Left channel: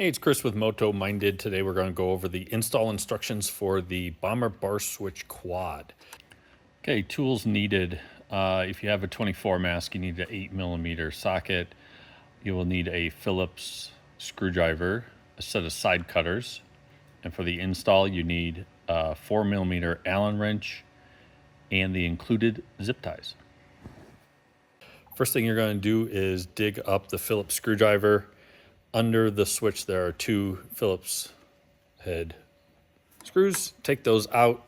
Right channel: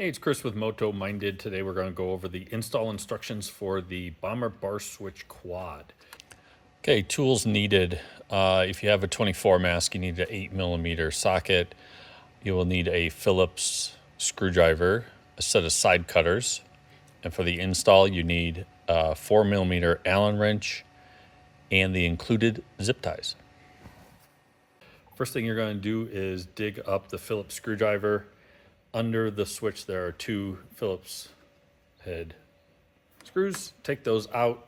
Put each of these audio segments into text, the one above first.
Hey, it's Chris with Moto Minded. Today we're going to go over the install instructions for the Bomber Bar Switch Quad. Okay, tools needed. If you have a 24 mask, you need an 8mm socket. You will need a Phillips screwdriver, a set of side cutters, and for the install you need a 4mm Allen wrench and the included zip ties. First thing you're going to do is dig up the Phillips screwdriver. Under the switch there are two Phillips head screws. Take those out,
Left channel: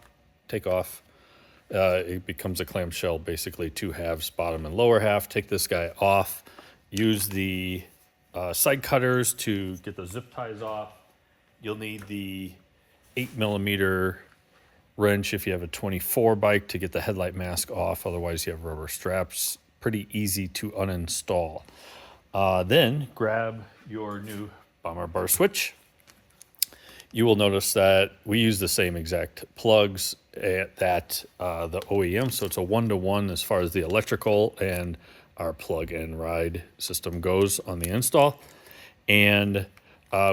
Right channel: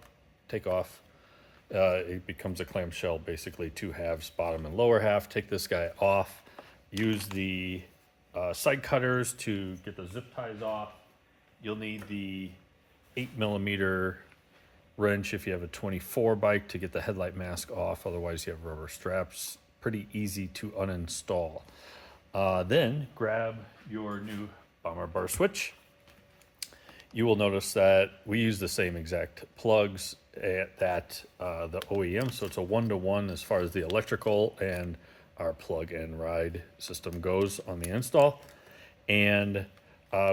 take off. It becomes a clamshell, basically two halves, bottom and lower half. Take this guy off. Use the side cutters to get the zip ties off. You'll need the 8mm wrench if you have a 24 bike to get the headlight mask off. Otherwise you have rubber straps. Pretty easy to uninstall. Then grab your new Bomber Bar switch. You will notice that we use the same exact plugs that the OEM, so it's a 1-to-1 as far as the electrical and our plug and ride system goes on the install. And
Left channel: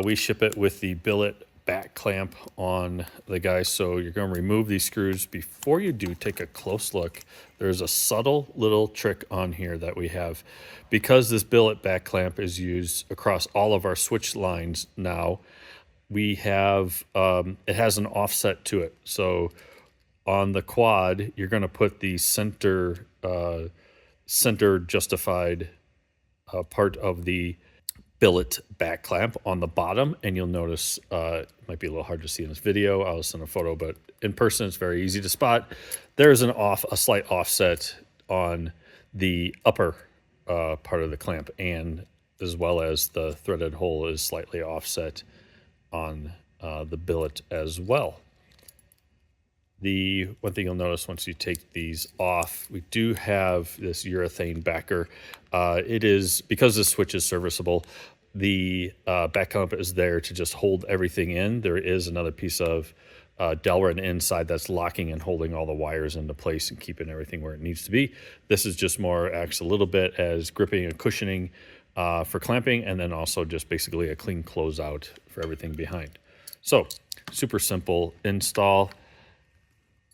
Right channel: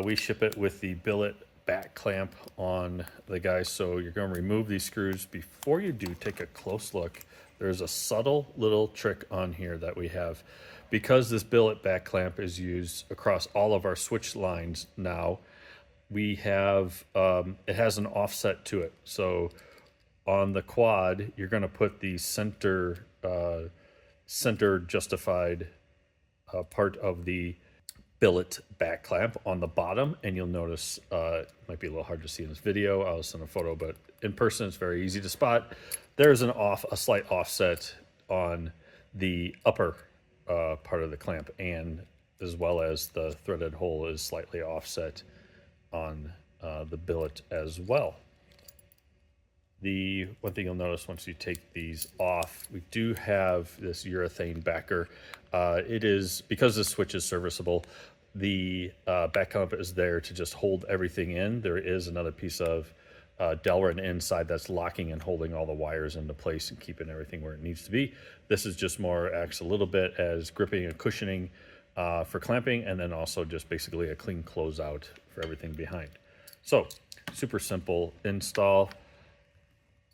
we ship it with the billet back clamp on the guy. So you're going to remove these screws. Before you do, take a close look. There's a subtle little trick on here that we have. Because this billet back clamp is used across all of our switch lines now, we have, it has an offset to it. So on the quad, you're going to put the center justified part of the billet back clamp on the bottom, and you'll notice it might be a little hard to see in this video. I'll send a photo, but in person it's very easy to spot. There's a slight offset on the upper part of the clamp, and as well as the threaded hole is slightly offset on the billet as well. The one thing you'll notice once you take these off, we do have this urethane backer. It is, because the switch is serviceable, the back clamp is there to just hold everything in. There is another piece of Delrin inside that's locking and holding all the wires into place and keeping everything where it needs to be. This is just more, acts a little bit as gripping and cushioning for clamping, and then also just basically a clean closeout for everything behind. So super simple install.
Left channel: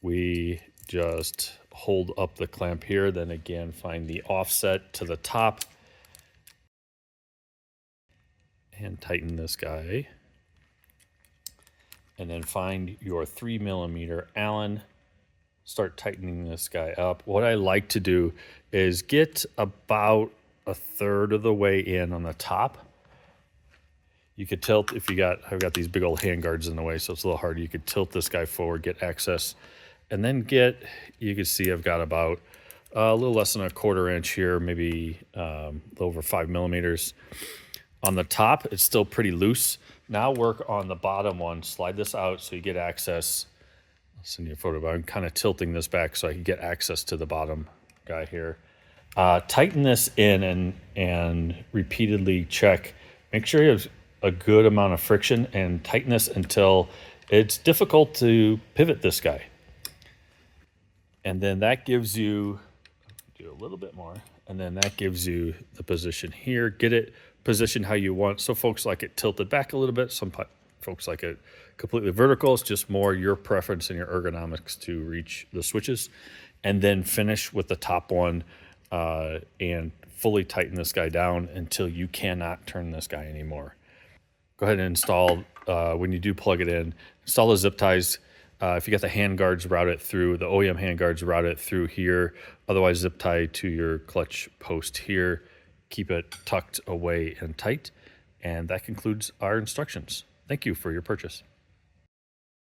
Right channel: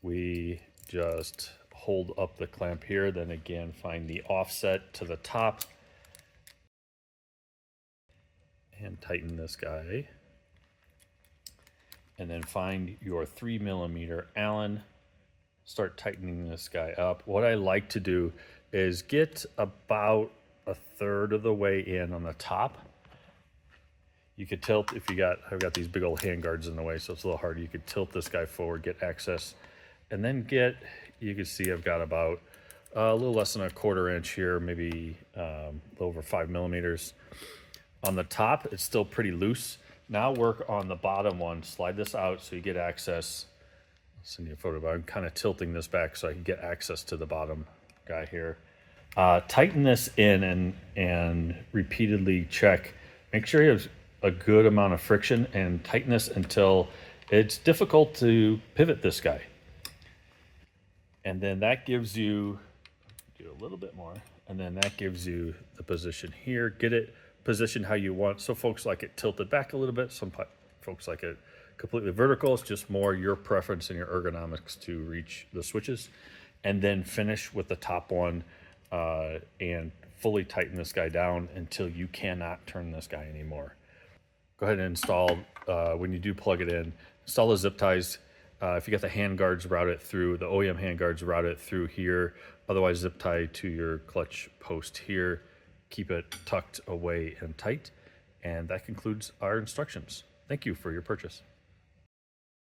We just hold up the clamp here, then again find the offset to the top and tighten this guy. And then find your 3mm Allen, start tightening this guy up. What I like to do is get about 1/3 of the way in on the top. You could tilt if you got, I've got these big old hand guards in the way, so it's a little hard. You could tilt this guy forward, get access, and then get, you can see I've got about a little less than 1/4 inch here, maybe a little over 5mm. On the top, it's still pretty loose. Now work on the bottom one, slide this out so you get access. I'll send you a photo, but I'm kind of tilting this back so I can get access to the bottom guy here. Tighten this in and repeatedly check. Make sure you have a good amount of friction and tighten this until it's difficult to pivot this guy. And then that gives you, do a little bit more, and then that gives you the position here. Get it positioned how you want. So folks like it tilted back a little bit. Some folks like it completely vertical. It's just more your preference and your ergonomics to reach the switches. And then finish with the top one and fully tighten this guy down until you cannot turn this guy anymore. Go ahead and install, when you do plug it in, install the zip ties. If you got the hand guards, route it through, the OEM hand guards, route it through here. Otherwise, zip tie to your clutch post here. Keep it tucked away and tight. And that concludes our instructions. Thank you for your purchase.